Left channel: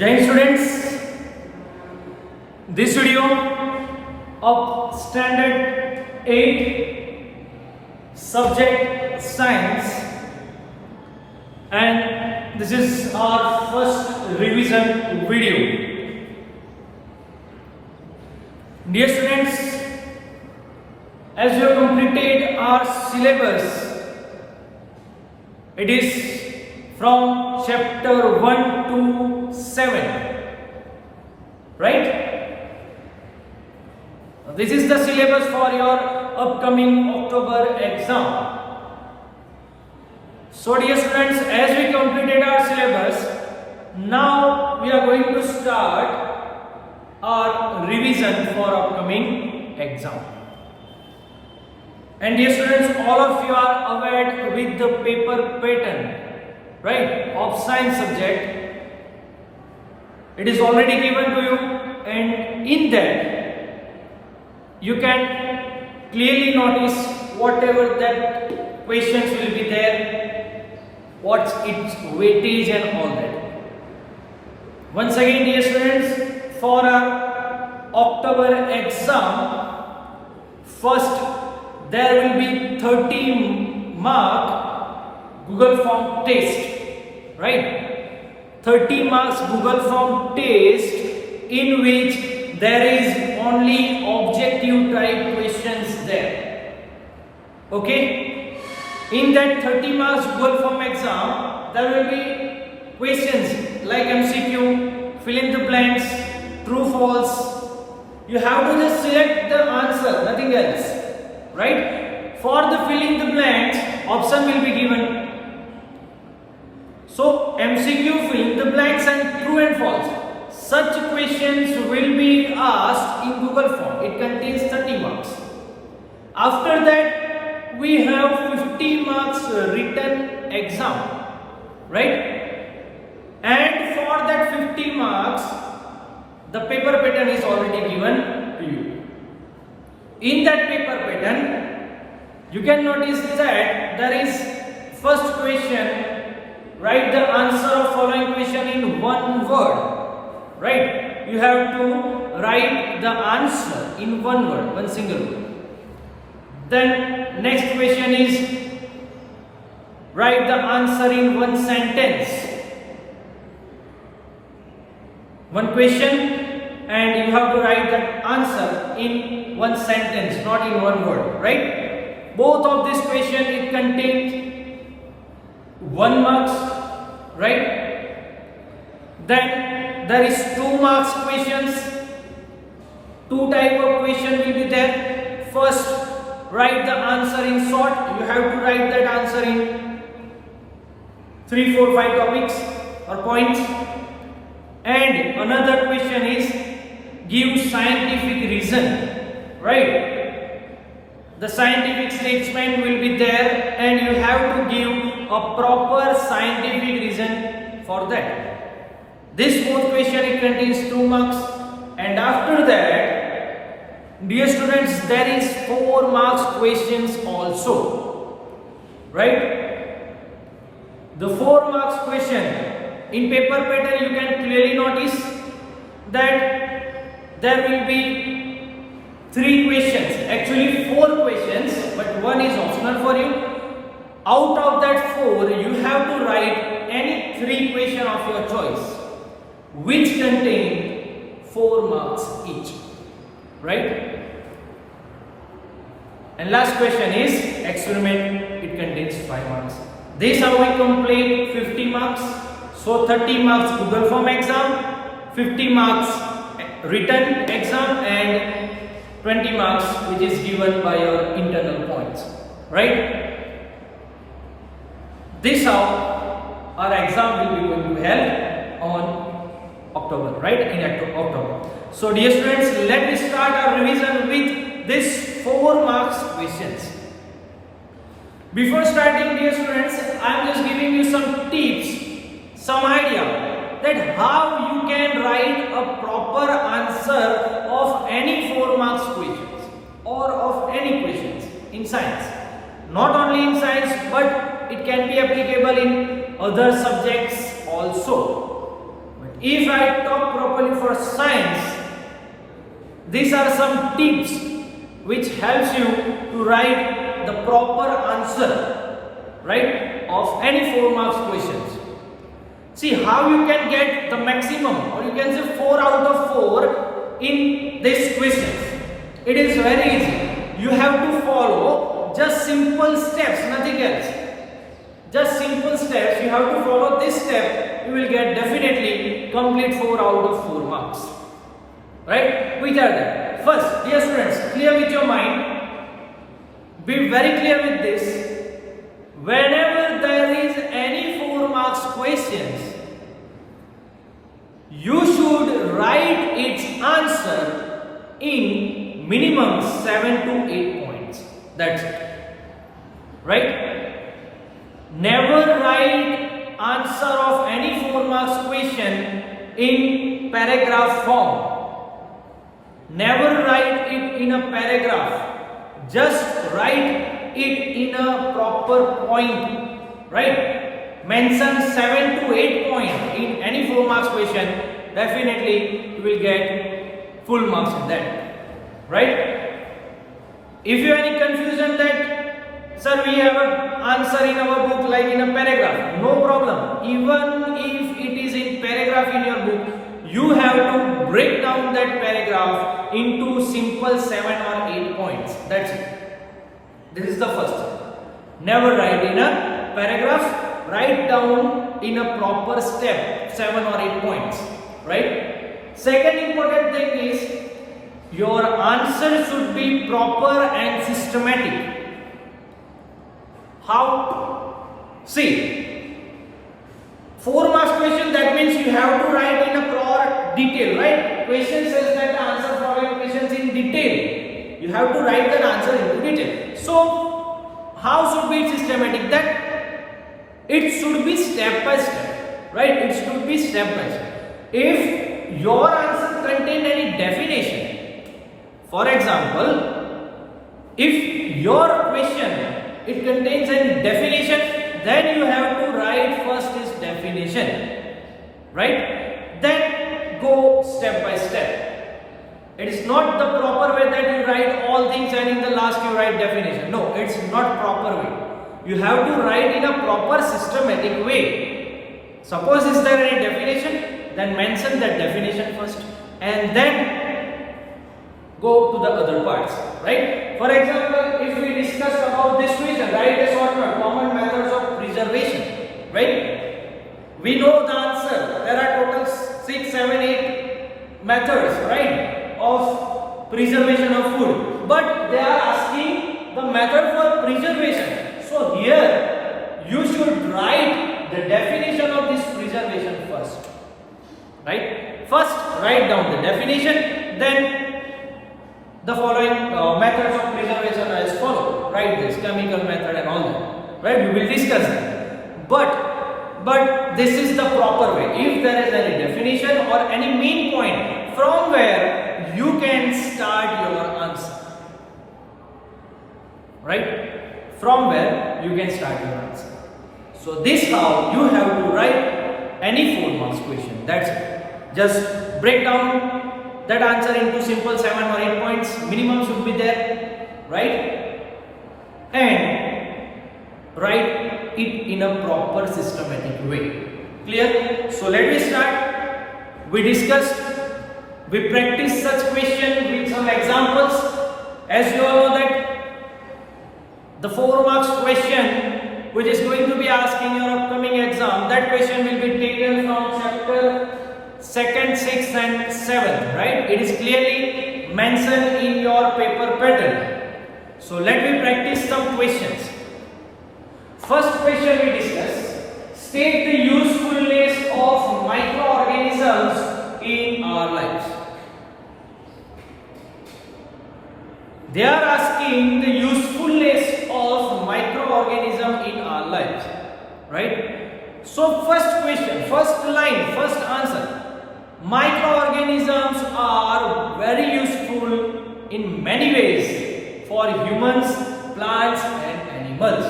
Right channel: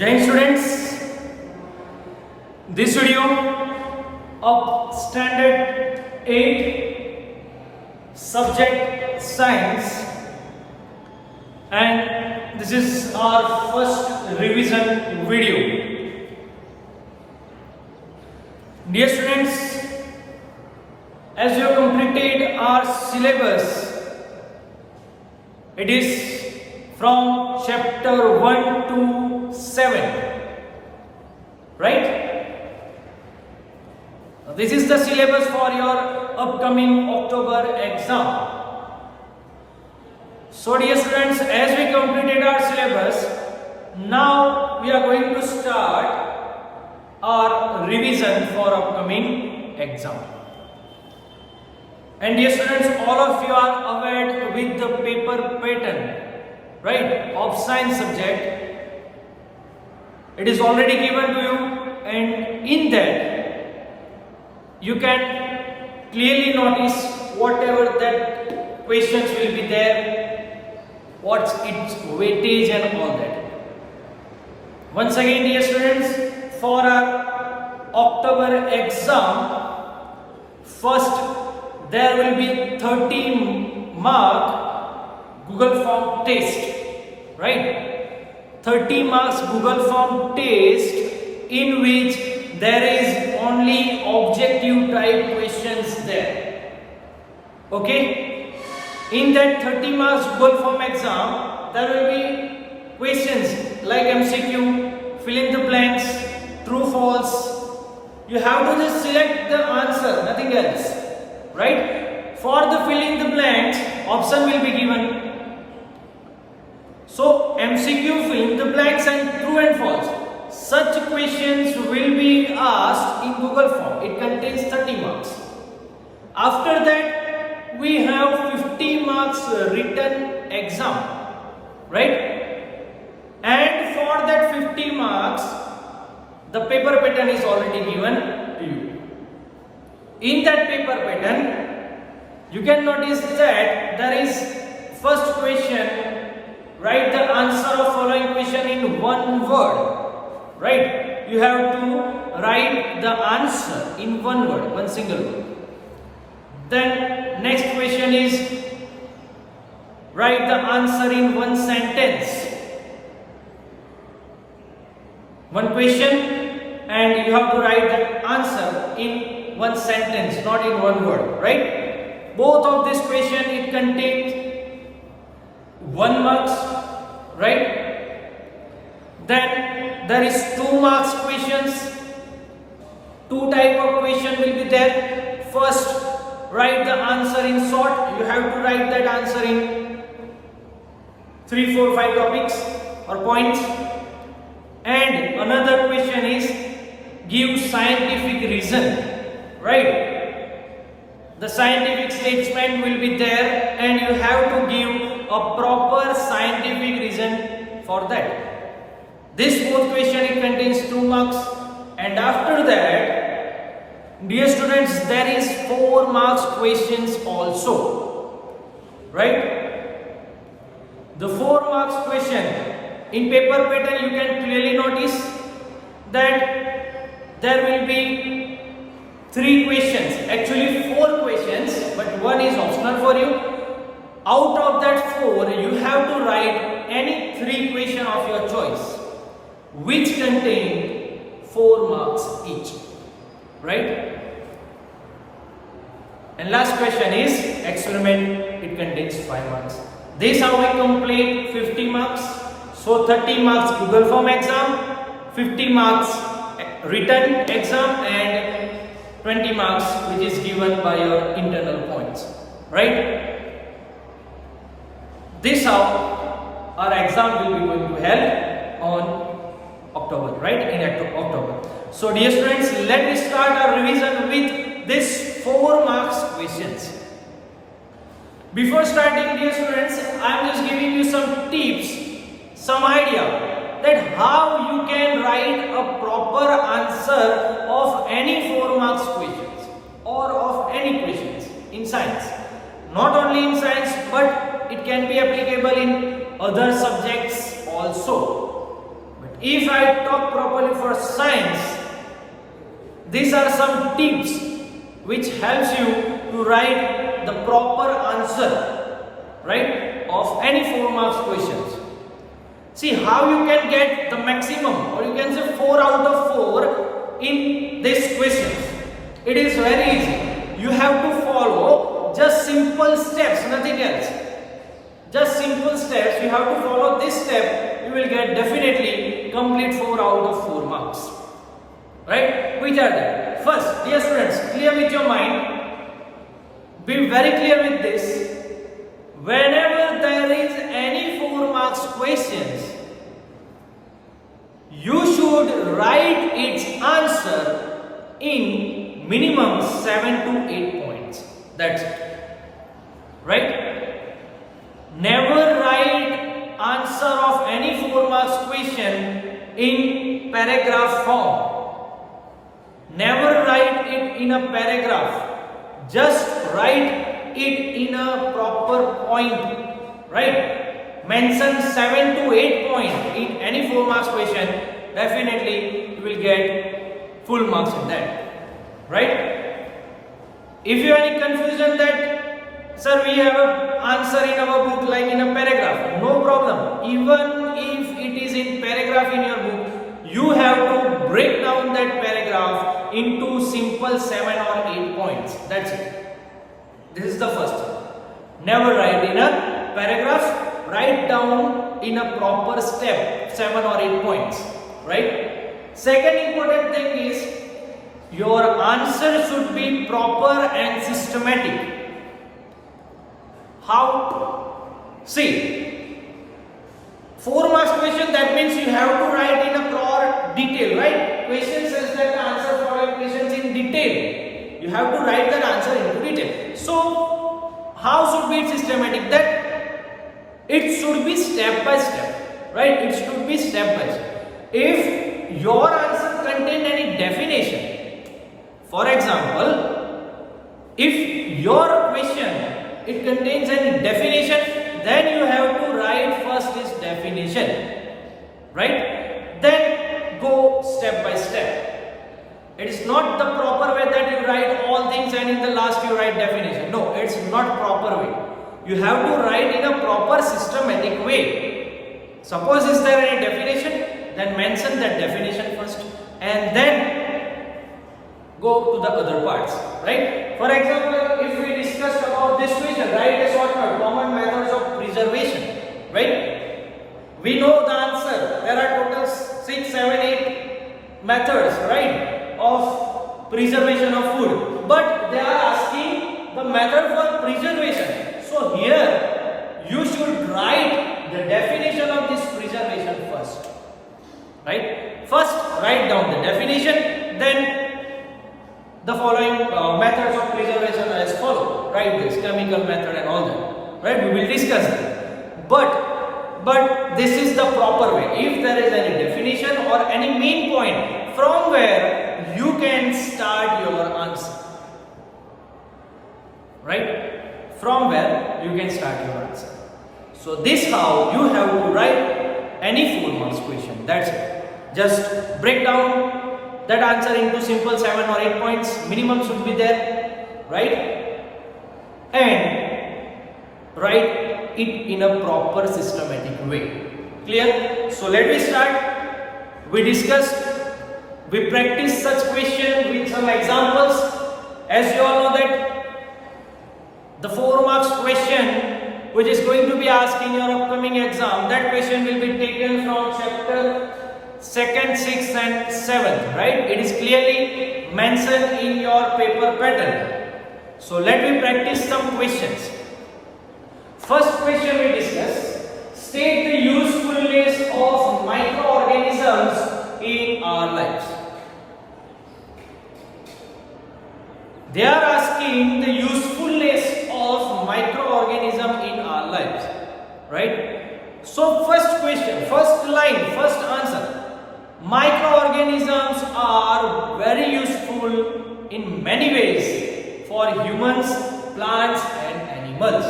Jai Hind students, this video of standard 8 subject science, and this is our first revision video. Dear students, as you have completed our syllabus, it is from chapter 1 to 7, right? This is the syllabus for your upcoming October exam. So dear students, as we completed our syllabus, now we are going to start our revision for upcoming exam. And dear students, all of you are aware with the paper pattern, right, of science subject. It is already given to you, and in that you can clearly notice whatever that questions will be there, what's its weightage and all that. Once again, dear students, for our October exam, first there will be 30 mark Google Form test, right? 30 marks Google Form test, in which there is only objective type questions there. Okay? In that 30 marks Google Form exam, there will be questions like MCQ, fill in the blanks, true, false. You have to just select the answer, nothing else, right? For the filling the blanks, option will be given. So MCQ, fill in the blanks and true and false. Such questions will be asked in Google Form. It contains 30 marks. After that, we have 50 marks written exam, right? And for that 50 marks, the paper pattern is already given to you. In that paper pattern, you can notice that there is first question, write the answer of following question in one word, right? You have to write the answer in one word, one single word. Then next question is write the answer in one sentence. One question and you have to write that answer in one sentence, not in one word, right? Both of this question, it contains 1 marks, right? Then there is 2 marks questions. 2 type of question will be there. First, write the answer in short. You have to write that answer in 3, 4, 5 topics or points. And another question is give scientific reason, right? The scientific statement will be there and you have to give a proper scientific reason for that. This fourth question, it contains 2 marks, and after that, dear students, there is 4 marks questions also, right? The 4 marks question in paper pattern, you can clearly notice that there will be 3 questions, actually 4 questions, but 1 is optional for you. Out of that 4, you have to write any 3 question of your choice, which contain 4 marks each, right? And last question is experiment, it contains 5 marks. This how we complete 50 marks. So 30 marks Google Form exam, 50 marks written exam, and 20 marks which is given by your internal points, right? This how our exam will be going to held on October, right? In October. So dear students, let us start our revision with this 4 marks questions. Before starting, dear students, I am just giving you some tips, some idea that how you can write a proper answer of any 4 marks questions or of any questions in science. Not only in science, but it can be applicable in other subjects also. But if I talk properly for science, these are some tips which helps you to write the proper answer, right, of any 4 marks questions. See how you can get the maximum, or you can say 4 out of 4 in this question. It is very easy. You have to follow just simple steps, nothing else. Just simple steps. You have to follow this step. You will get definitely complete 4 out of 4 marks. Right? Which are they? First, dear students, clear with your mind. Be very clear with this. Whenever there is any 4 marks questions, you should write its answer in minimum 7 to 8 points. That's it. Right? Never write answer of any 4 marks question in paragraph form. Never write it in a paragraph. Just write it in a proper point. Right? Mention 7 to 8 points in any 4 marks question. Definitely you will get full marks in that. Right? If you have any confusion that, sir, we have an answer in our book like in a paragraph, no problem. Even if it is in paragraph in your book, you have to break down that paragraph into simple 7 or 8 points. That's it. This is the first thing. Never write in a paragraph, write down in a proper step, 7 or 8 points. Right? Second important thing is, your answer should be proper and systematic. How? See, 4 marks question, that means you have to write in a proper detail, right? Question says that the answer following questions in detail. You have to write that answer into detail. So, how should be systematic? That it should be step by step, right? It should be step by step. If your answer contains any definition, for example, if your question it contains any definition, then you have to write first this definition, right? Then go step by step. It is not the proper way that you write all things and in the last you write definition. No, it's not proper way. You have to write in a proper systematic way. Suppose is there any definition, then mention that definition first and then go to the other parts, right? For example, if we discussed about this question, write a shortcut, common methods of preservation, right? We know the answer. There are total 6, 7, 8 methods, right, of preservation of food. But they are asking the method for preservation. So here, you should write the definition of this preservation first, right? First, write down the definition, then the following methods of preservation as follow. Write this chemical method and all that. Right? We will discuss that. But this is the proper way. If there is any definition or any main point from where you can start your answer. Right? From where you can start your answer. So this how you have to write any 4 marks question. That's it. Just break down that answer into simple 7 or 8 points, minimum should be there, right? And write it in a proper systematic way. Clear? So let me start. We discussed, we practiced such question with some examples. As you all know that the 4 marks question which is going to be asked in your upcoming exam, that question will be taken from chapter 2nd, 6th and 7th, right? It is clearly mentioned in your paper pattern. So let me practice some questions. First question we discuss. State the usefulness of microorganisms in our lives. They are asking the usefulness of microorganism in our lives, right? So first question, first line, first answer. Microorganisms are very useful in many ways for humans, plants and animals.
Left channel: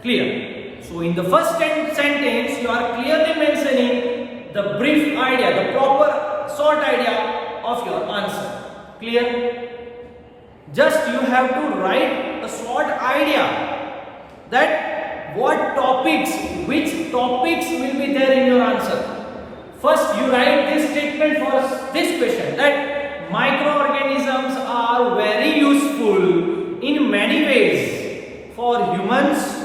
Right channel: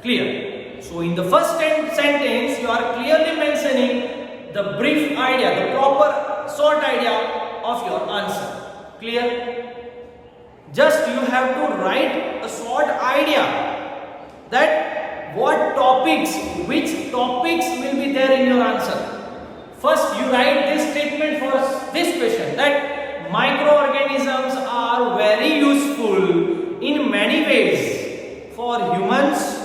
Clear? So in the first sentence you are clearly mentioning the brief idea, the proper short idea of your answer. Clear? Just you have to write a short idea that what topics, which topics will be there in your answer. First you write this statement for this question, that microorganisms are very useful in many ways for humans,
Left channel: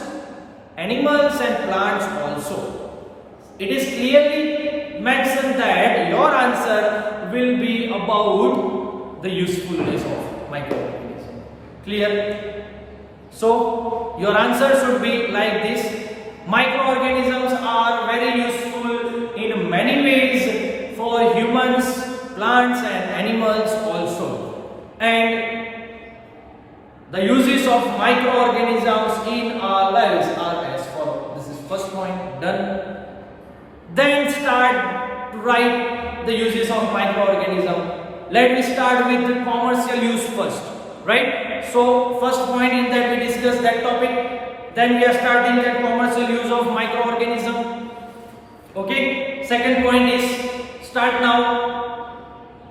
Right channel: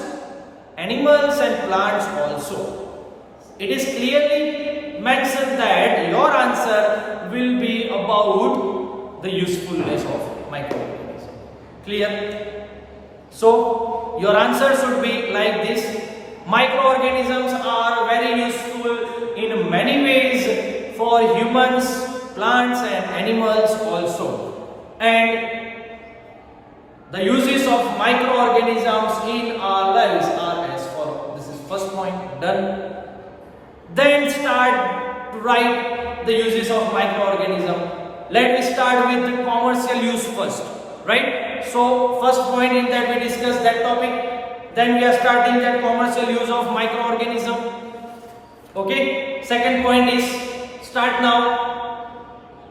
animals and plants also. It is clearly mentioned that your answer will be about the usefulness of microorganism. Clear? So your answer should be like this. Microorganisms are very useful in many ways for humans, plants and animals also. And the uses of microorganisms in our lives are as follows. This is first point, done. Then start to write the uses of microorganism. Let me start with the commercial use first, right? So first point is that we discuss that topic. Then we are starting the commercial use of microorganism. Okay. Second point is start now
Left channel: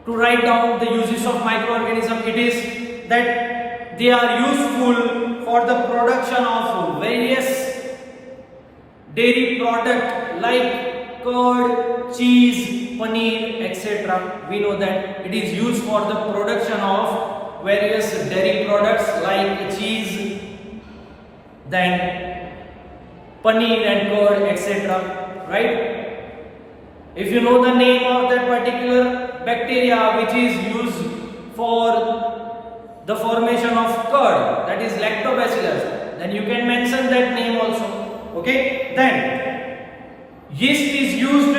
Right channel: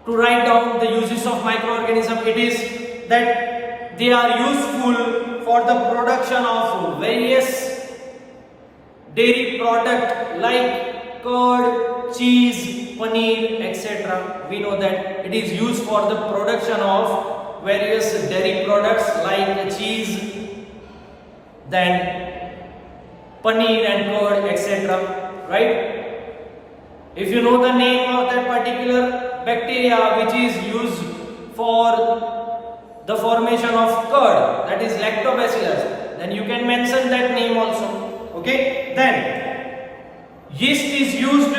to write down the uses of microorganism. It is that they are useful for the production of various dairy product like curd, cheese, paneer, etc. We know that it is used for the production of various dairy products like cheese, then paneer and curd, etc. Right? If you know the name of that particular bacteria which is used for the formation of curd, that is lactobacillus, then you can mention that name also. Okay? Then yeast is used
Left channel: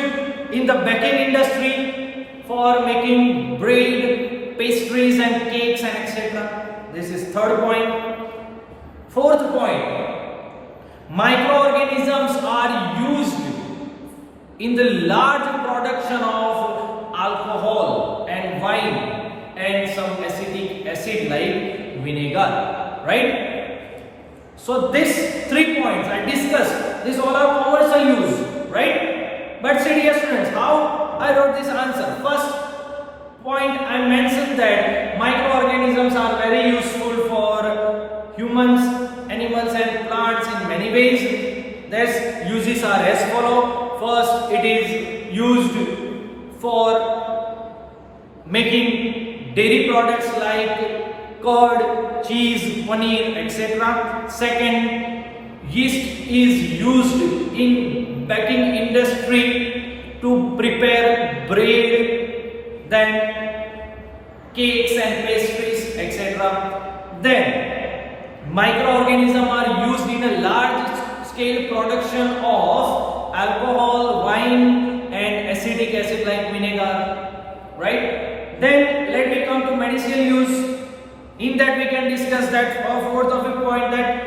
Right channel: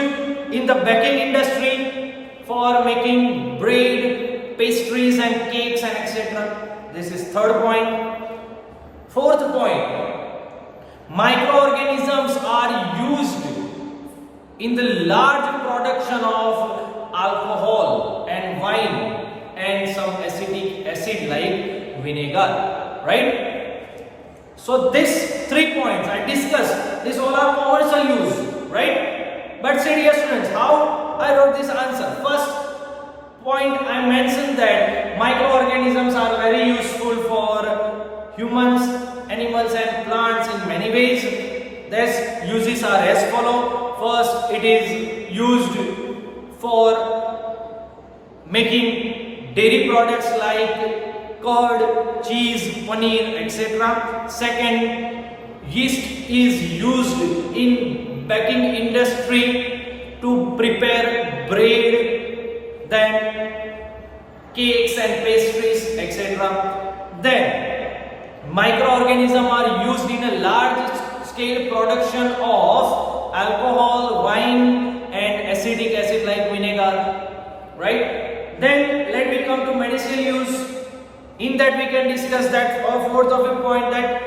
in the baking industry for making bread, pastries and cakes and etc. This is third point. Fourth point, microorganisms are used in the large production of alcohol and wine and some acetic acid like vinegar, right? So these 3 points I discussed, these all are commercial use, right? But say dear students, how I wrote this answer? First point I mentioned that microorganisms are very useful for humans, animals and plants in many ways. Their uses are as follow. First, it is used for making dairy products like curd, cheese, paneer, etc. Second, yeast is used in baking industry to prepare bread, then cakes and pastries, etc. Then microorganisms are used in a large scale production of alcohol, wine and acetic acid like vinegar, right? Then let me come to medicinal use. In that we can discuss that fourth of the point, that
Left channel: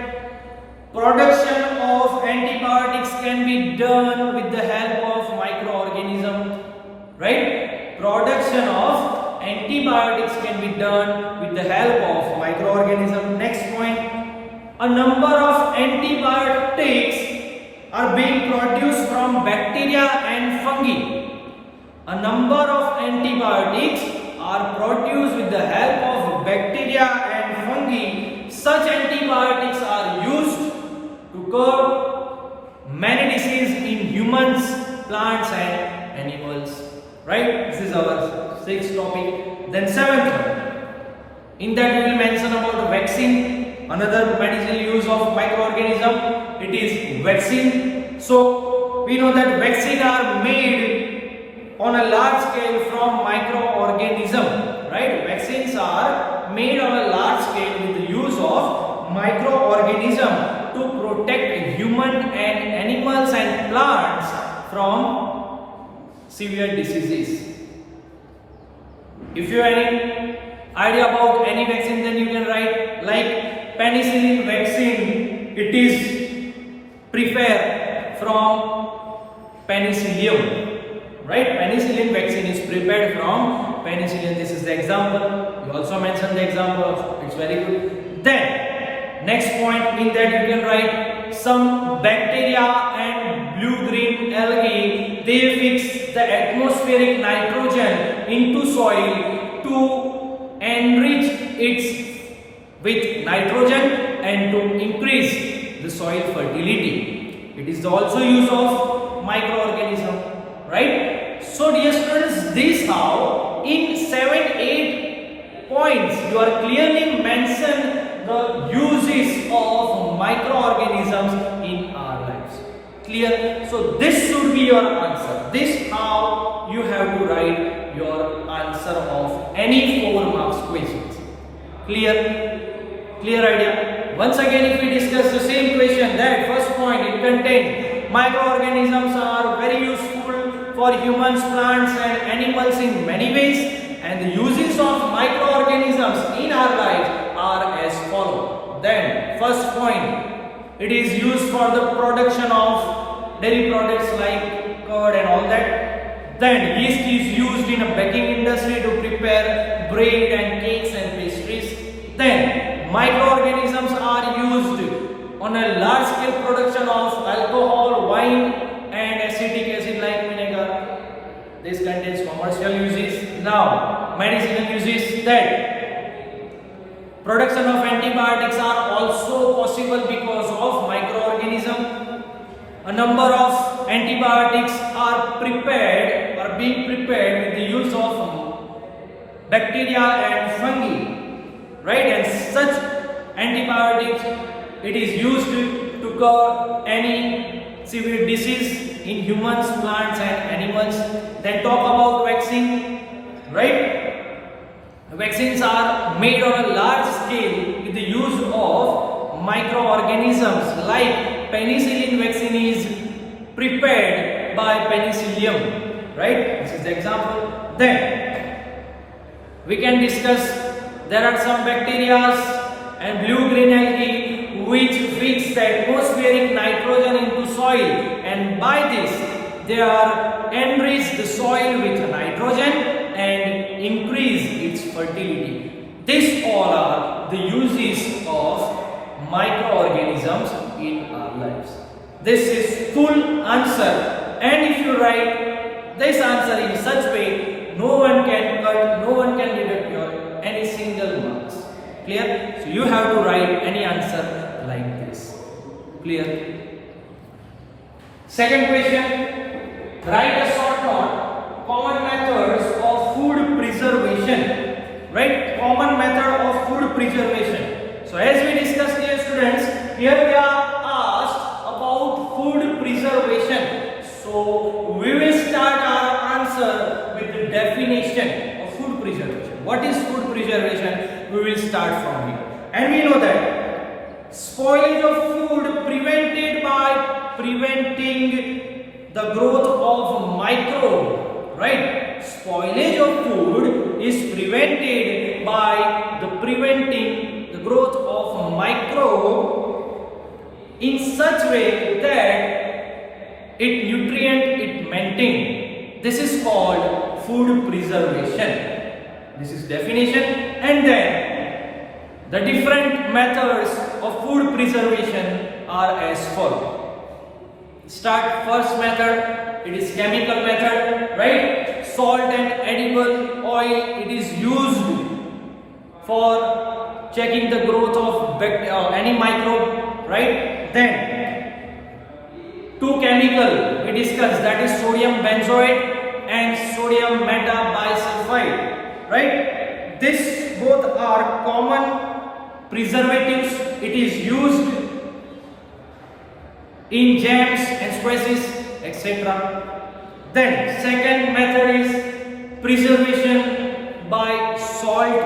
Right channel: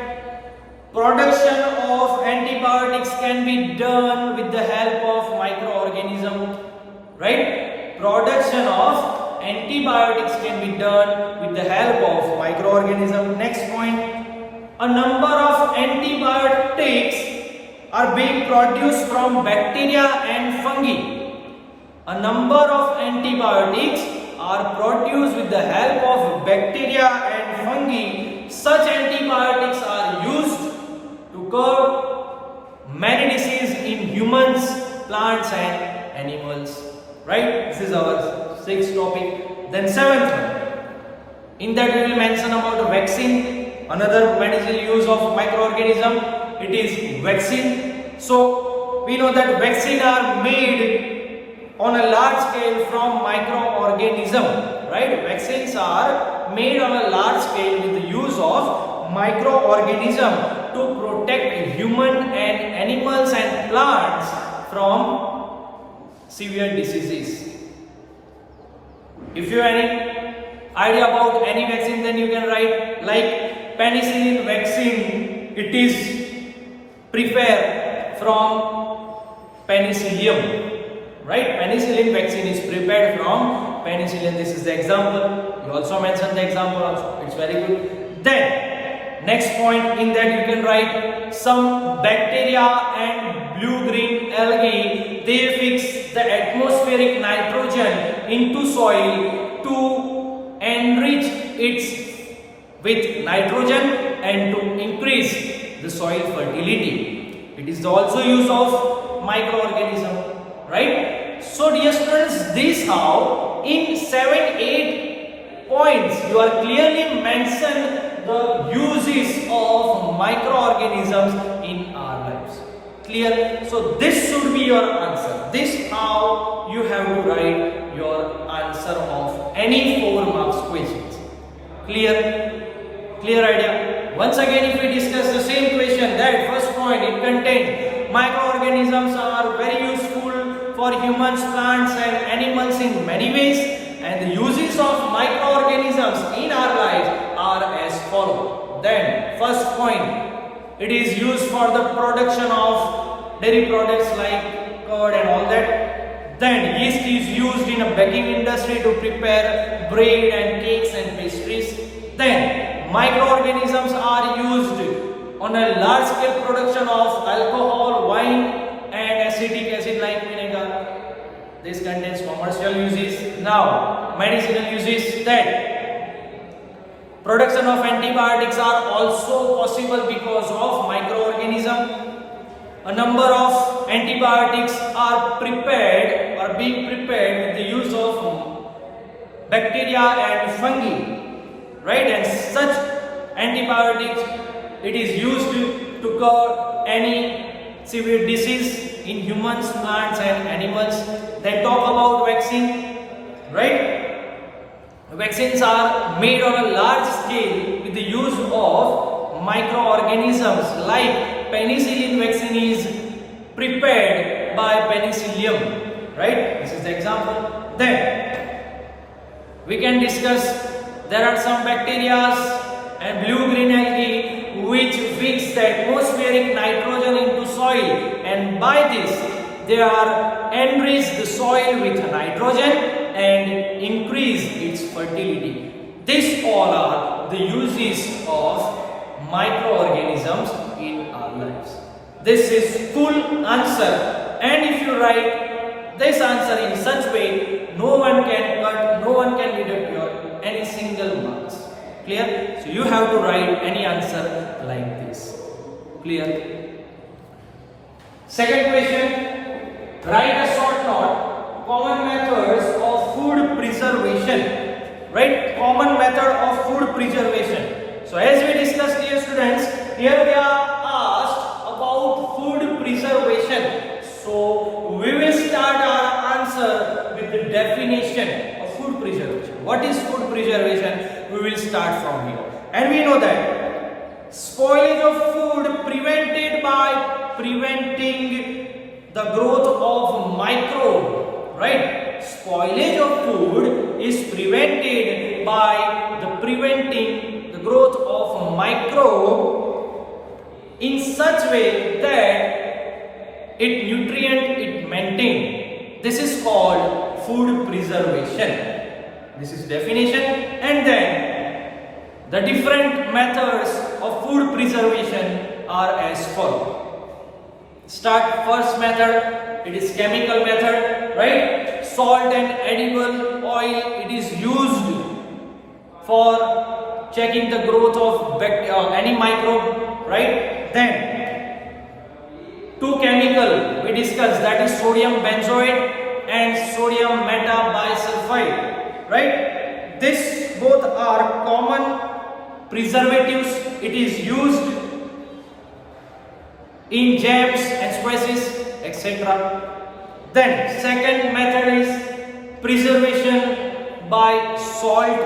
production of antibiotics can be done with the help of microorganism, right? Production of antibiotics can be done with the help of microorganism. Next point, a number of antibiotics are being produced from bacteria and fungi. A number of antibiotics are produced with the help of bacteria and fungi. Such antibiotics are used to curb many diseases in humans, plants and animals. Right? This is our sixth topic. Then seventh one. In that we will mention about the vaccine. Another medicinal use of microorganism, it is vaccine. So we know that vaccine are made on a large scale from microorganism, right? Vaccines are made on a large scale with the use of microorganism to protect human and animals and plants from severe diseases. If you have any idea about any vaccine, then you can write like penicillin vaccine. It is prepared from penicillium, right? Penicillin vaccine is prepared from penicillium. This is the example. You also mentioned the example of. It's very good. Then next point in that you can write some bacteria and blue-green algae, they fix the atmospheric nitrogen into soil to enrich it with nitrogen and to increase the soil fertility. It is also use of microorganism, right? So dear students, this how in 7-8 points you are clearly mentioned the uses of microorganisms in our lives. Clear? So this should be your answer. This how you have to write your answer of any 4 marks questions. Clear? Clear idea? Once again, if we discuss the same question, that first point, it contains microorganisms are very useful for humans, plants and animals in many ways, and the uses of microorganisms in our life are as follows. Then first point, it is used for the production of dairy products like curd and all that. Then yeast is used in a baking industry to prepare bread and cakes and pastries. Then microorganisms are used on a large scale production of alcohol, wine and acetic acid like vinegar. This contains commercial uses. Now medicinal uses. That production of antibiotics are also possible because of microorganism. A number of antibiotics are prepared or being prepared with the use of bacteria and fungi, right? And such antibiotics, it is used to cure any severe disease in humans, plants and animals. Then talk about vaccine, right? Vaccines are made on a large scale with the use of microorganisms, like penicillin vaccine is prepared by penicillium, right? This is the example. Then we can discuss, there are some bacteria and blue-green algae which fix the atmospheric nitrogen into soil, and by this they are enrich the soil with nitrogen and increase its fertility. These all are the uses of microorganisms in our lives. This is full answer, and if you write this answer in such way, no one can deduct your any single marks. Clear? So you have to write any answer like this. Clear? Second question, write a short note. Common methods of food preservation, right? Common method of food preservation. So as we discussed, dear students, here we are asked about food preservation. So we will start our answer with the definition of food preservation. What is food preservation? We will start from here. And we know that spoilage of food prevented by preventing the growth of microbes. Right? Spoilage of food is prevented by preventing the growth of microbe in such way that it maintained. This is called food preservation. This is definition. And then the different methods of food preservation are as follows. Start first method, it is chemical method, right? Salt and edible oil, it is used for checking the growth of any microbe, right? Then two chemical we discussed, that is sodium benzoate and sodium metabisulfite, right? This both are common preservatives. It is used in jams and spices, etc. Then second method is preservation by salt,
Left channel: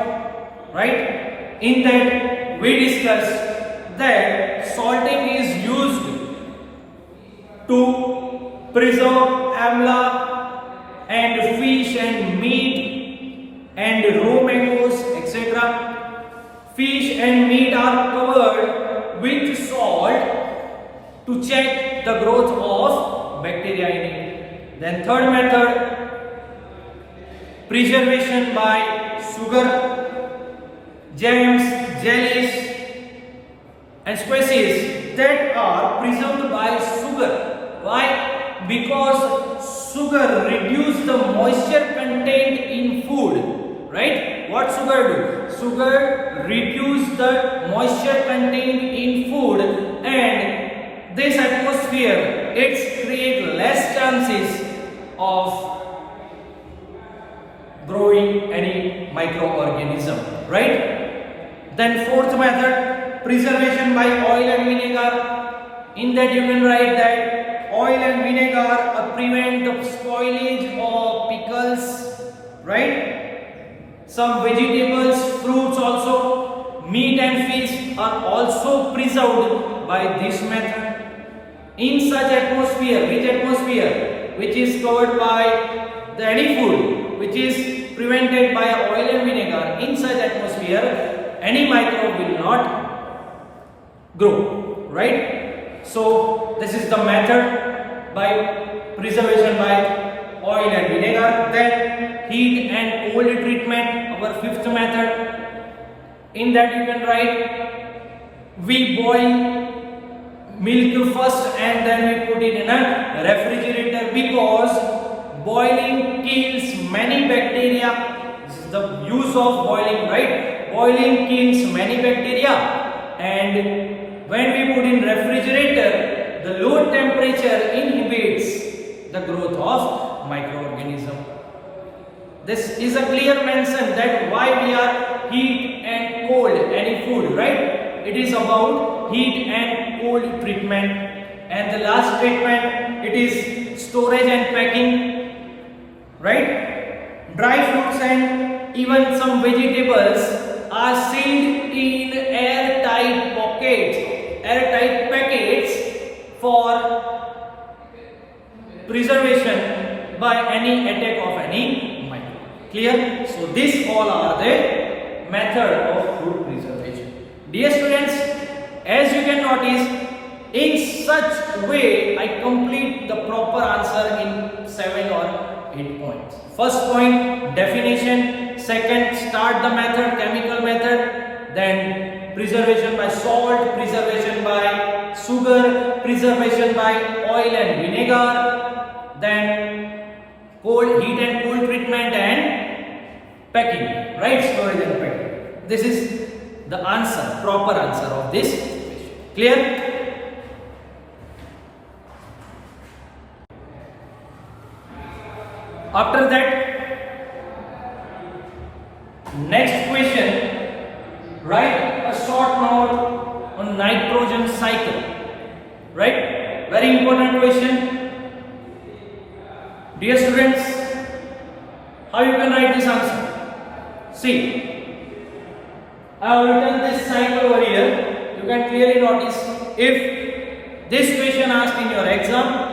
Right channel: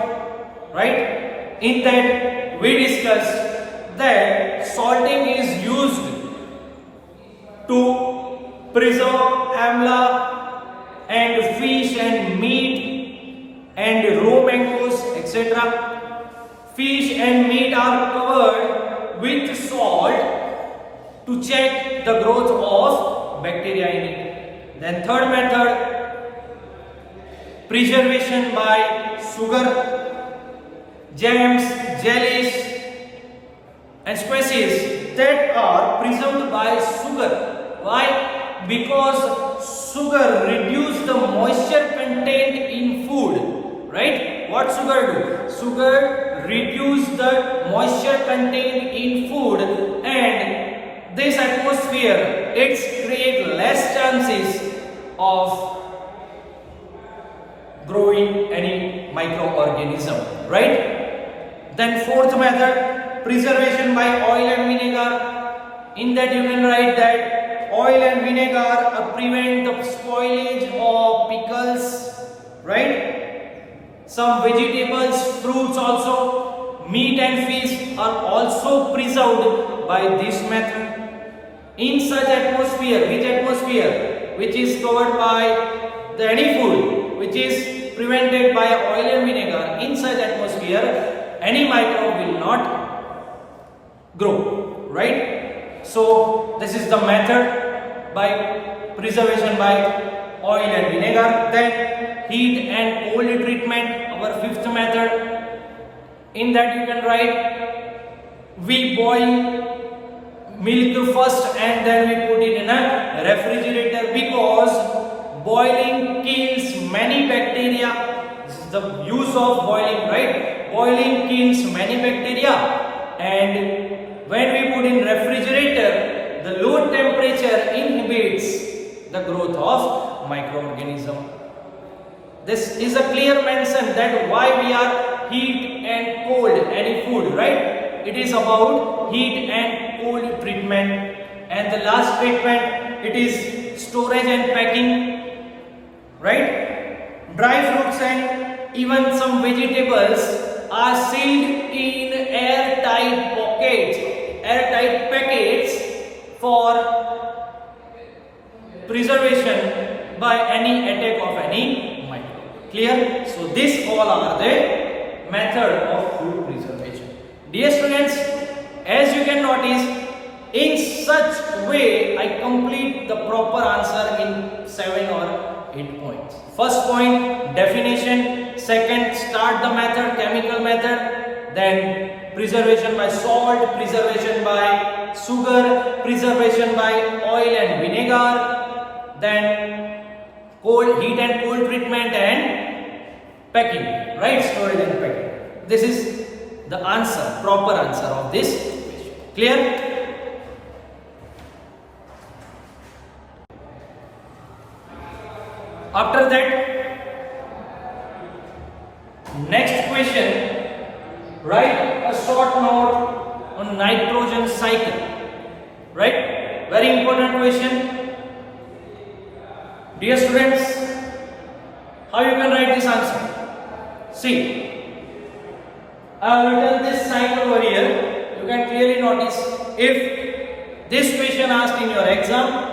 right? In that we discussed that salting is used to preserve amla and fish and meat and raw mangoes, etc. Fish and meat are covered with salt to check the growth of bacteria in it. Then third method, preservation by sugar, jams, jellies and spices. that are preserved by sugar. Why? Because sugar reduces the moisture content in food, right? What sugar do? Sugar reduce the moisture content in food, and this atmosphere it's create less chances of growing any microorganism, right? Then fourth method, preservation by oil and vinegar. In that you can write that oil and vinegar prevent the spoilage of pickles, right? Some vegetables, fruits also, meat and fish are also preserved by this method. In such atmosphere, which is covered by any food which is prevented by oil and vinegar, in such atmosphere any microbe will not grow, right? So this is the method by preservation by oil and vinegar. Then heat and cold treatment, our fifth method. In that you can write, we boil milk first and then we put it in a refrigerator, because boiling kills many bacteria. This is the use of boiling, right? Boiling kills many bacteria, and when we put in refrigerator, the low temperature inhibits the growth of microorganism. This is a clear mention that why we are heat and cold any food, right? It is about heat and cold treatment. And the last treatment, it is storage and packing, right? Dry fruits and even some vegetables are sealed in airtight packets for preservation by any attack of any microbe. Clear? So these all are the method of food preservation. Dear students, as you can notice, in such way I complete the proper answer in 7 or 8 points. First point, definition. Second, start the method, chemical method. Then preservation by salt, preservation by sugar, preservation by oil and vinegar. Then heat and cold treatment and packing, right? Storage and packing. This is the answer, proper answer of this question. Clear? After that, next question, write a short note on nitrogen cycle, right? Very important question. Dear students, how you can write this answer? See, I have written this cycle over here. You can clearly notice, if this question asked in your exam,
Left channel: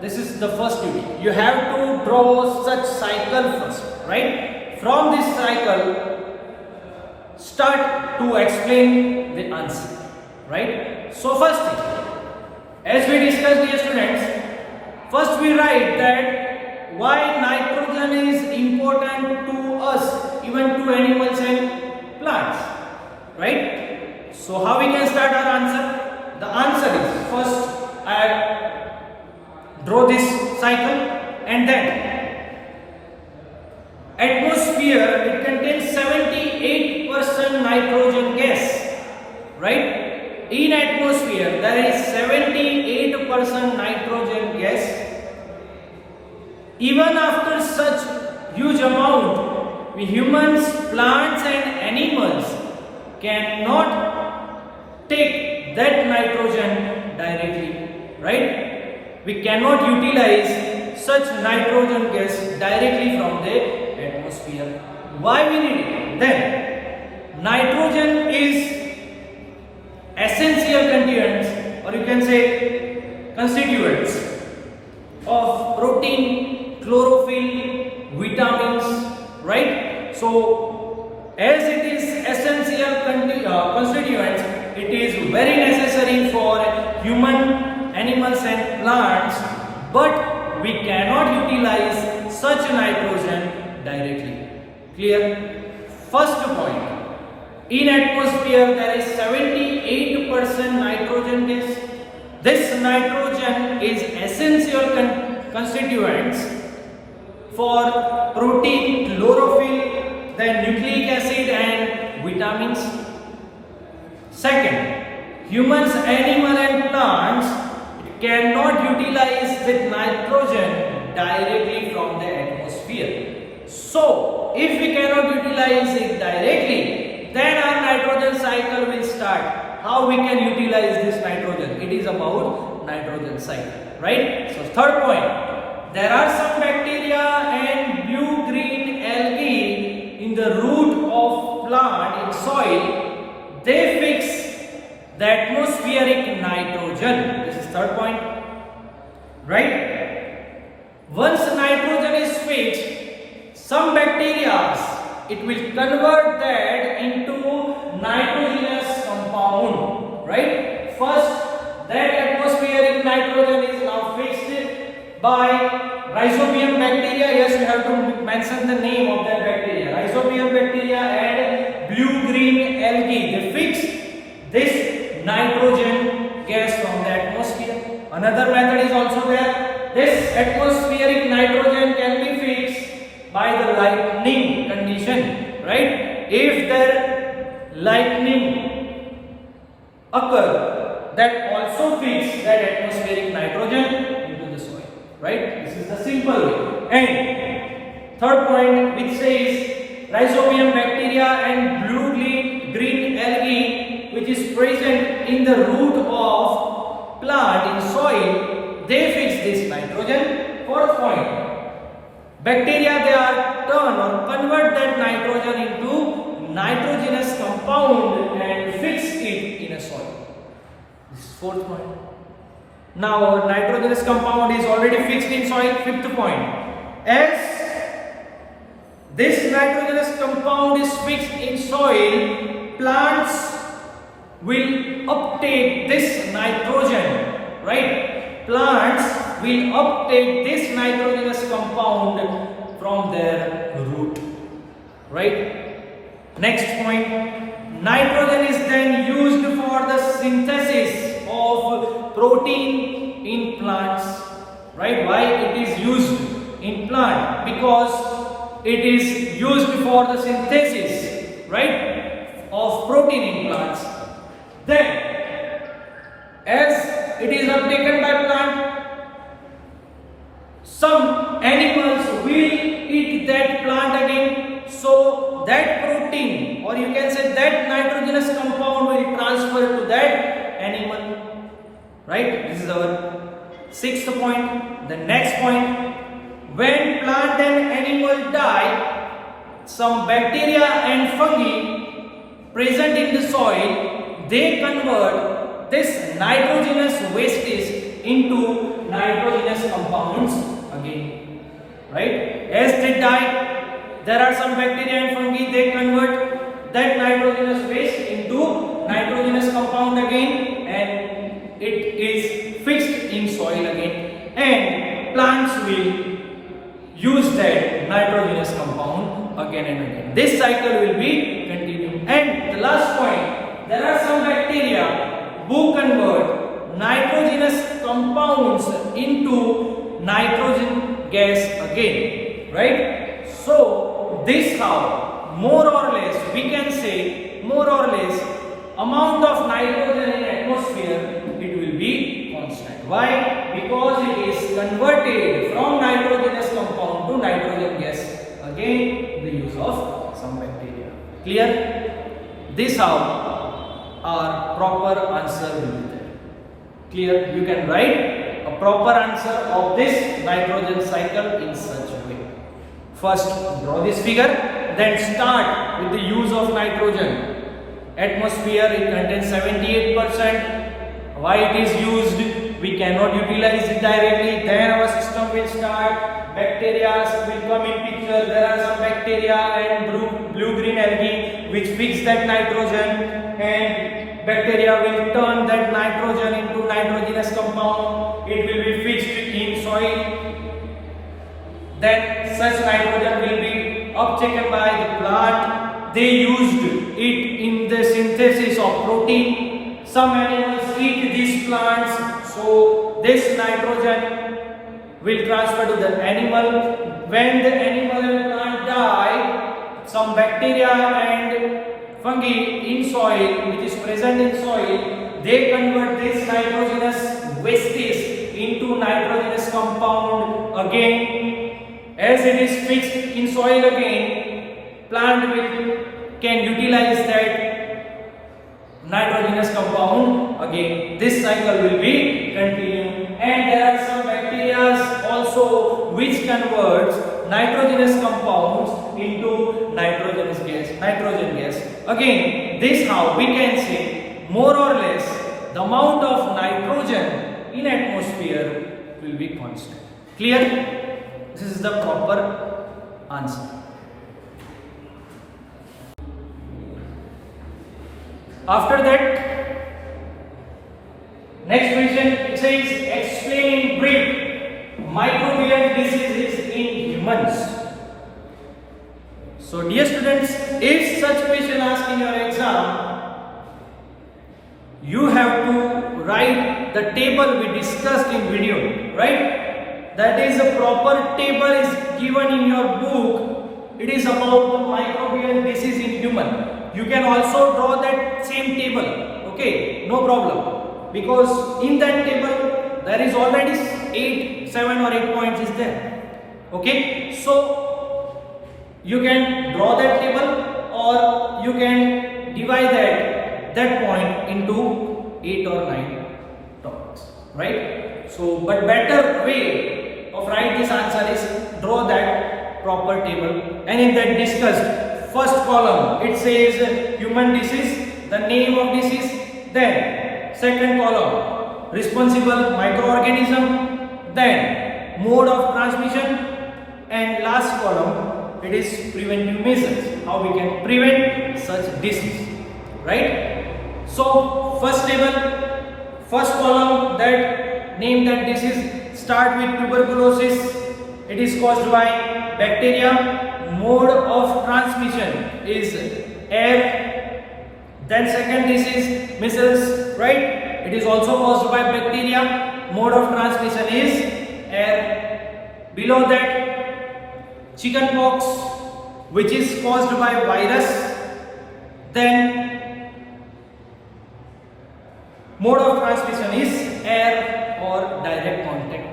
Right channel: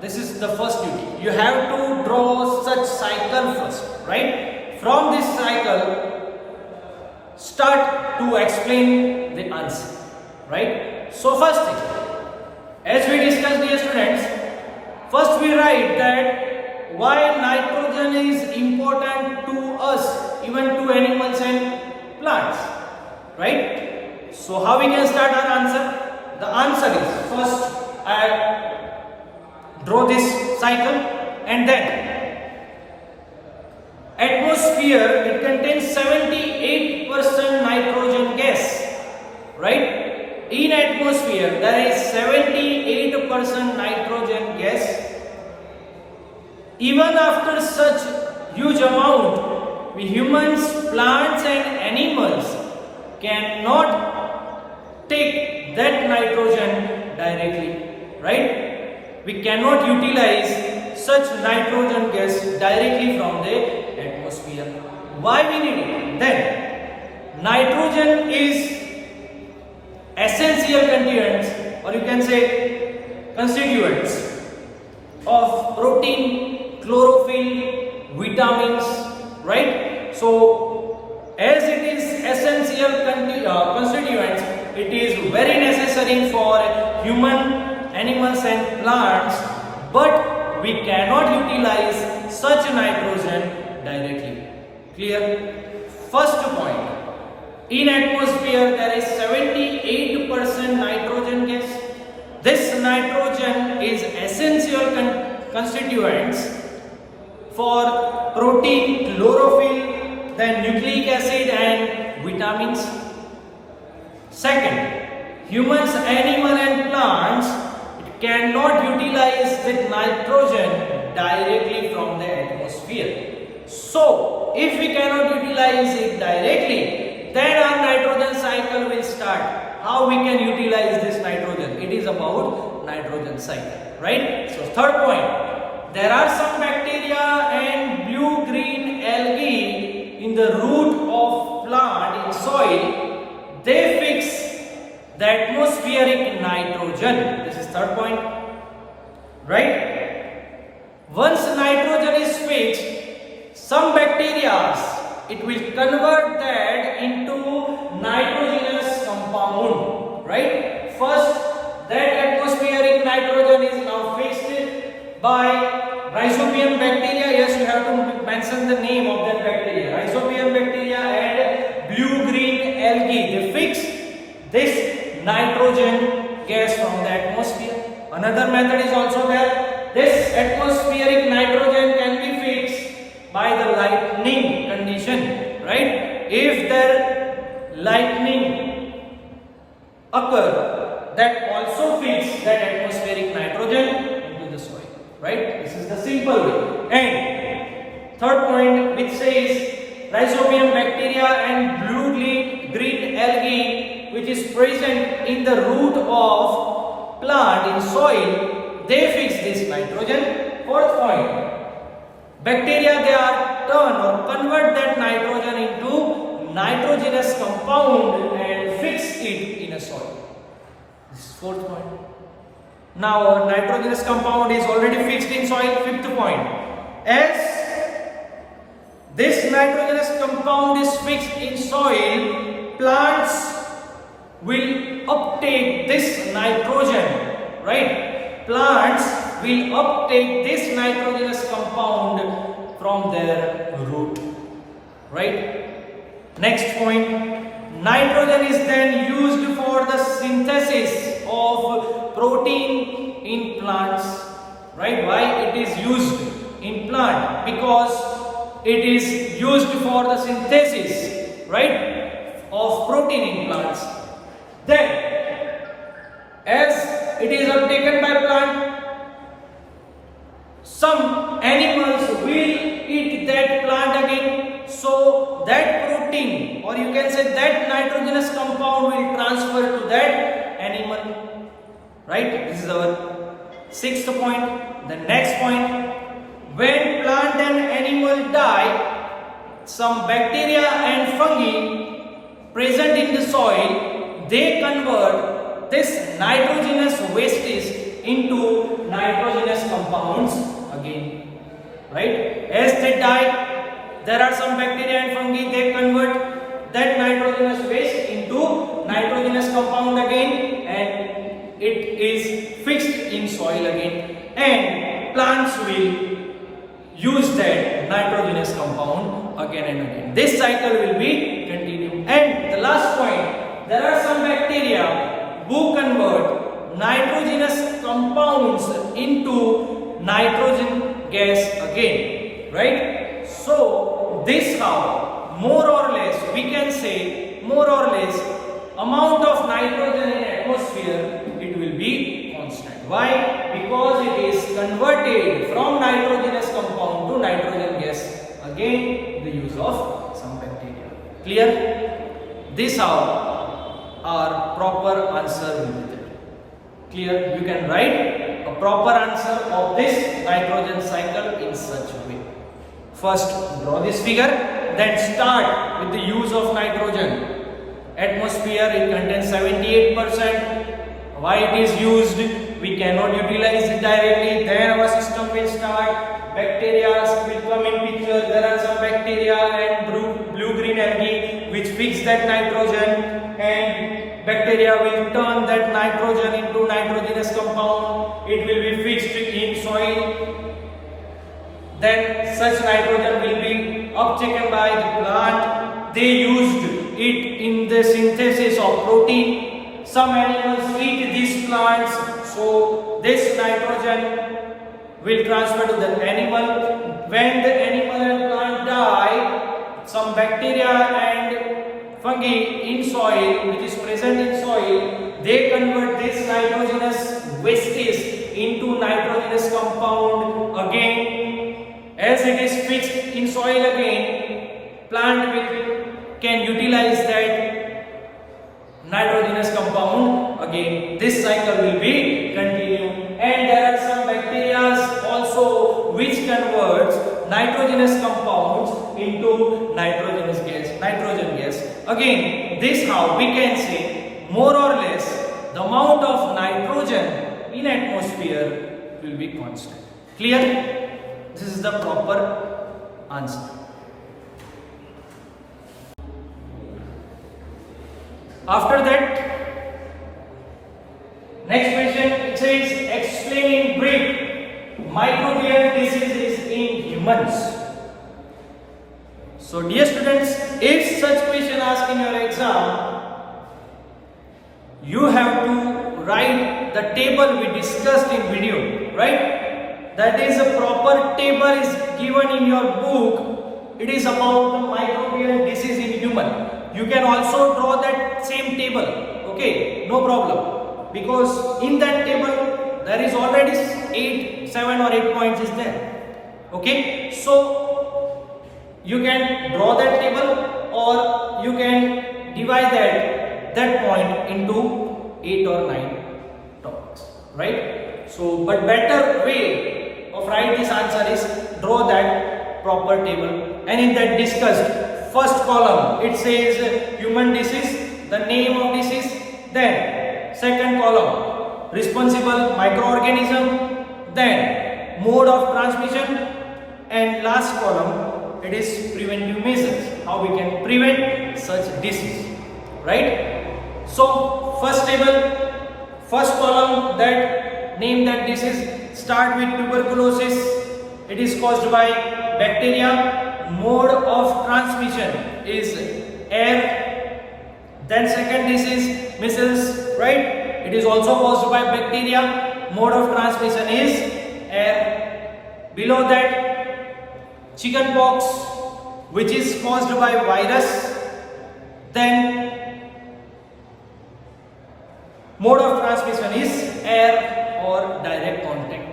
this is the first duty. You have to draw such cycle first, right? From this cycle, start to explain the answer, right? So first thing, as we discussed, dear students, first we write that why nitrogen is important to us, even to animals and plants, right? So how we can start our answer? The answer is, first I draw this cycle, and then atmosphere, it contains 78% nitrogen gas, right? In atmosphere there is 78% nitrogen gas. Even after such huge amount, we humans, plants and animals cannot take that nitrogen directly, right? We cannot utilize such nitrogen gas directly from the atmosphere. Why we need it? Then, nitrogen is essential constituents, or you can say constituents of protein, chlorophyll, vitamins, right? So, as it is essential constituents, it is very necessary for human, animals and plants, but we cannot utilize such nitrogen directly. Clear? First point, In atmosphere there is 78% nitrogen gas. This nitrogen is essential constituents for protein, chlorophyll, then nucleic acid and vitamins. Second, humans, animal and plants cannot utilize with nitrogen directly from the atmosphere. So, if we cannot utilize it directly, then our nitrogen cycle will start. How we can utilize this nitrogen? It is about nitrogen cycle, right? So, third point, there are some bacteria and blue-green algae in the root of plant in soil. They fix the atmospheric nitrogen. This is third point, right? Once nitrogen is fixed, some bacteria, it will convert that into nitrogenous compound, right? First, that atmospheric nitrogen is now fixed by Rhizobium bacteria. Yes, you have to mention the name of that bacteria. Rhizobium bacteria and blue-green algae. They fix this nitrogen gas from the atmosphere. Another method is also there. This atmospheric nitrogen can be fixed by the lightning condition, right? If there lightning occur, that also fix that atmospheric nitrogen into the soil, right? This is the simple way. And third point, which says Rhizobium bacteria and blue-green algae, which is present in the root of plant in soil, they fix this nitrogen. Fourth point, bacteria, they are turn or convert that nitrogen into nitrogenous compound and fix it in a soil. This is fourth point. Now nitrogenous compound is already fixed in soil. Fifth point, as this nitrogenous compound is fixed in soil, plants will uptake this nitrogen, right? Plants will uptake this nitrogenous compound from their root, right? Next point, nitrogen is then used for the synthesis of protein in plants, right? Why it is used in plant? Because it is used for the synthesis, right, of protein in plants. Then, as it is uptaken by plant, some animals will eat that plant again. So that protein, or you can say that nitrogenous compound, will transfer to that animal, right? This is our sixth point. The next point, when plant and animal die, some bacteria and fungi present in the soil, they convert this nitrogenous wastes into nitrogenous compounds again, right? As they die, there are some bacteria and fungi, they convert that nitrogenous waste into nitrogenous compound again, and it is fixed in soil again, and plants will use that nitrogenous compound again and again. This cycle will be continued. And the last point, there are some bacteria who convert nitrogenous compounds into nitrogen gas again, right? So this how more or less we can say amount of nitrogen in atmosphere, it will be constant. Why? Because it is converted from nitrogenous compound to nitrogen gas. Again, the use of some bacteria. Clear? This how our proper answer will be there. Clear? You can write a proper answer of this nitrogen cycle in such a way. First, draw this figure, then start with the use of nitrogen. Atmosphere, it contains 78%. Why it is used? We cannot utilize it directly. Then our system will start. Bacteria will come in picture. There are some bacteria and blue-green algae which fix that nitrogen, and bacteria will turn that nitrogen into nitrogenous compound. It will be fixed in soil. Then such nitrogen will be uptaken by the plant. They used it in the synthesis of protein. Some animals eat these plants, so this nitrogen will transfer to the animal. When the animal and plant die, some bacteria and fungi in soil, which is present in soil, they convert this nitrogenous wastage into nitrogenous compound again. As it is fixed in soil again, plant can utilize that nitrogenous compound again. This cycle will be continued. And there are some bacteria also which converts nitrogenous compounds into nitrogen gas. Again, this how we can say more or less the amount of nitrogen in atmosphere will be constant. Clear? This is the proper answer. After that, next question, it says explain in brief microbial diseases in humans. So dear students, if such question asked in your exam, you have to write the table we discussed in video, right? That is a proper table is given in your book. It is about the microbial disease in human. You can also draw that same table, okay, no problem, because in that table there is already 7 or 8 points is there, okay. So you can draw that table or you can divide that point into 8 or 9 topics, right? So but better way of write this answer is draw that proper table, and in that discuss. First column, it says human disease, the name of disease. Then second column, responsible microorganism. Then mode of transmission. And last column, it is preventive measures, how we can prevent such disease, right? So first table, first column, that name that disease. Start with tuberculosis. It is caused by bacteria. Mode of transmission is air. Then second disease, measles, right? It is also caused by bacteria. Mode of transmission is air. Below that, chickenpox, which is caused by virus. Then mode of transmission is air or direct contact.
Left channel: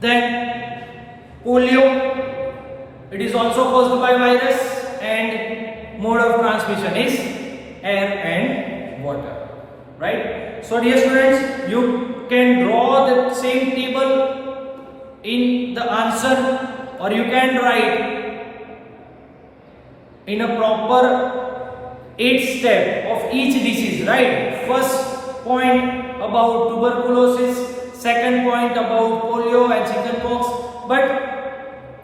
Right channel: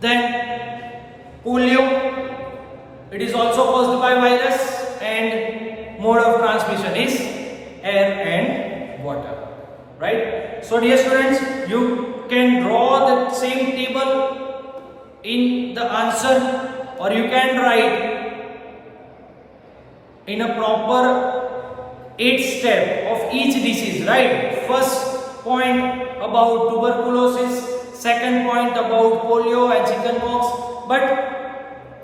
Then polio, it is also caused by virus, and mode of transmission is air and water, right? So dear students, you can draw the same table in the answer, or you can write in a proper 8 step of each disease, right? First point about tuberculosis, second point about polio and chickenpox. But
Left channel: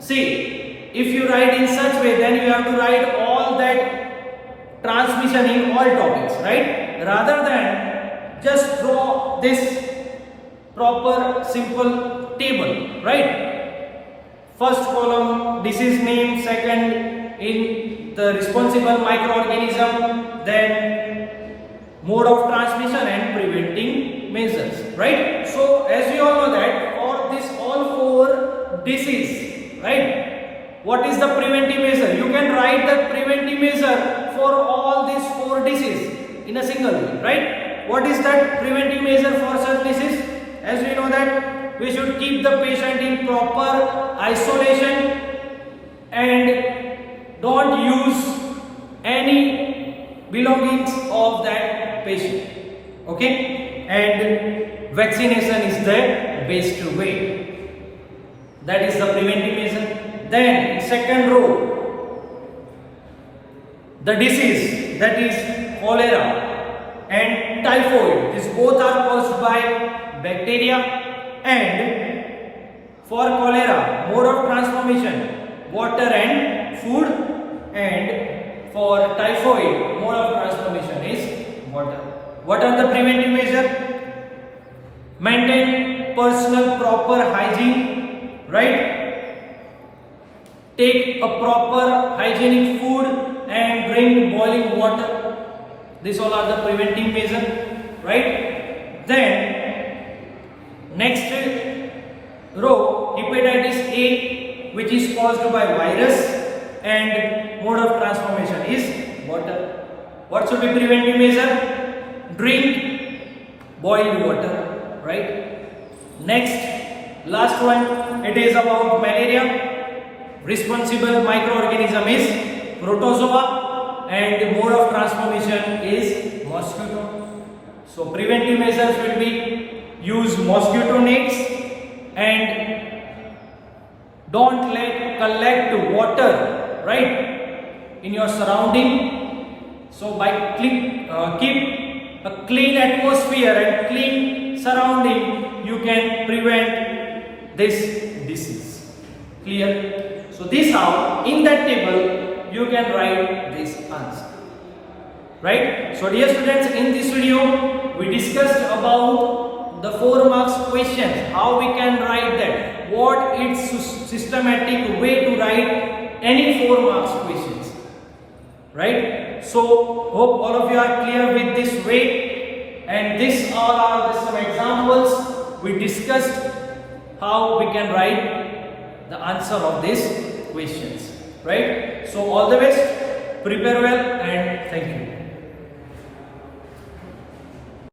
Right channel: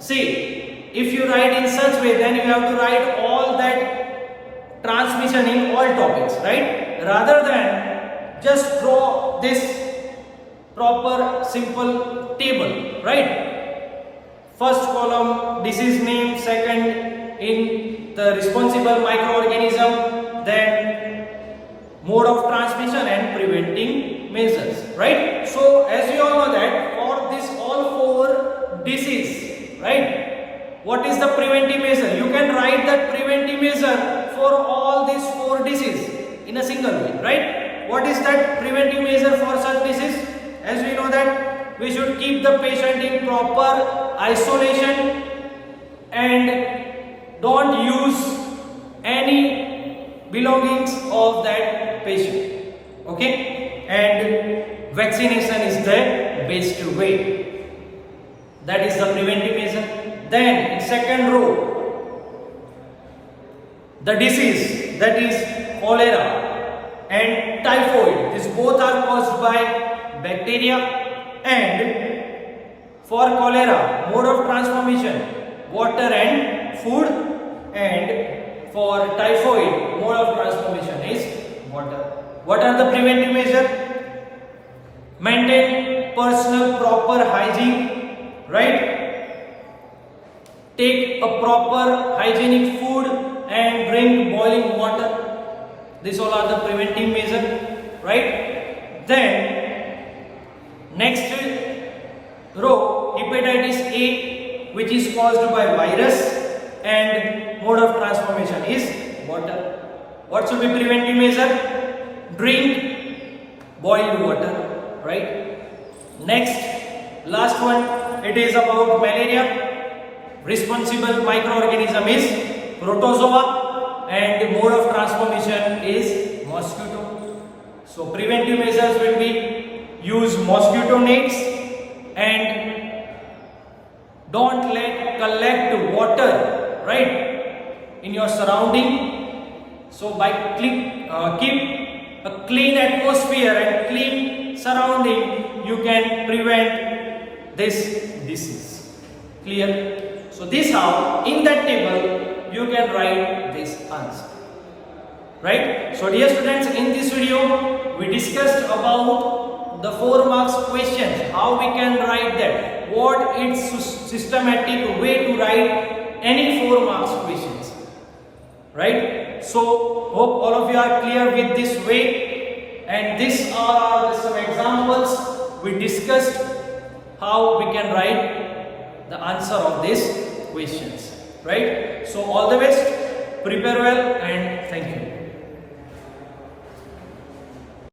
see, if you write in such way, then you have to write all that transmission in all topics, right? Rather than just draw this proper simple table, right? First column, disease name. Second, in the responsible microorganism. Then mode of transmission and preventing measures, right? So as we all know that for this all 4 disease, right? What is the preventive measure? You can write that preventive measure for all these 4 diseases in a single way, right? What is that preventive measure for such disease? As we know that we should keep the patient in proper isolation and don't use any belongings of that patient, okay? And vaccination is the best way. That is the preventive measure. Then in second row, the disease, that is cholera and typhoid. These both are caused by bacteria. And for cholera, mode of transformation, water and food. And for typhoid, mode of transformation is water. What are the preventive measures? Maintain personal proper hygiene, right? Take a proper hygienic food and drink boiling water. These all are the preventive measures, right? Then next row, hepatitis A, which is caused by virus, and mode of transformation is water. What should be preventive measure? Drink boiled water, right? Next, last one, it is about malaria. Responsible microorganism is protozoa and mode of transformation is mosquito. So preventive measures will be use mosquito nets and don't collect water, right, in your surrounding. So by keep a clean atmosphere and clean surrounding, you can prevent this disease. Clear? So this how in that table you can write this answer, right? So dear students, in this video we discussed about the 4 marks questions, how we can write that, what is systematic way to write any 4 marks questions, right? So hope all of you are clear with this way, and these all are some examples we discussed how we can write the answer of these questions, right? So all the best, prepare well, and thank you.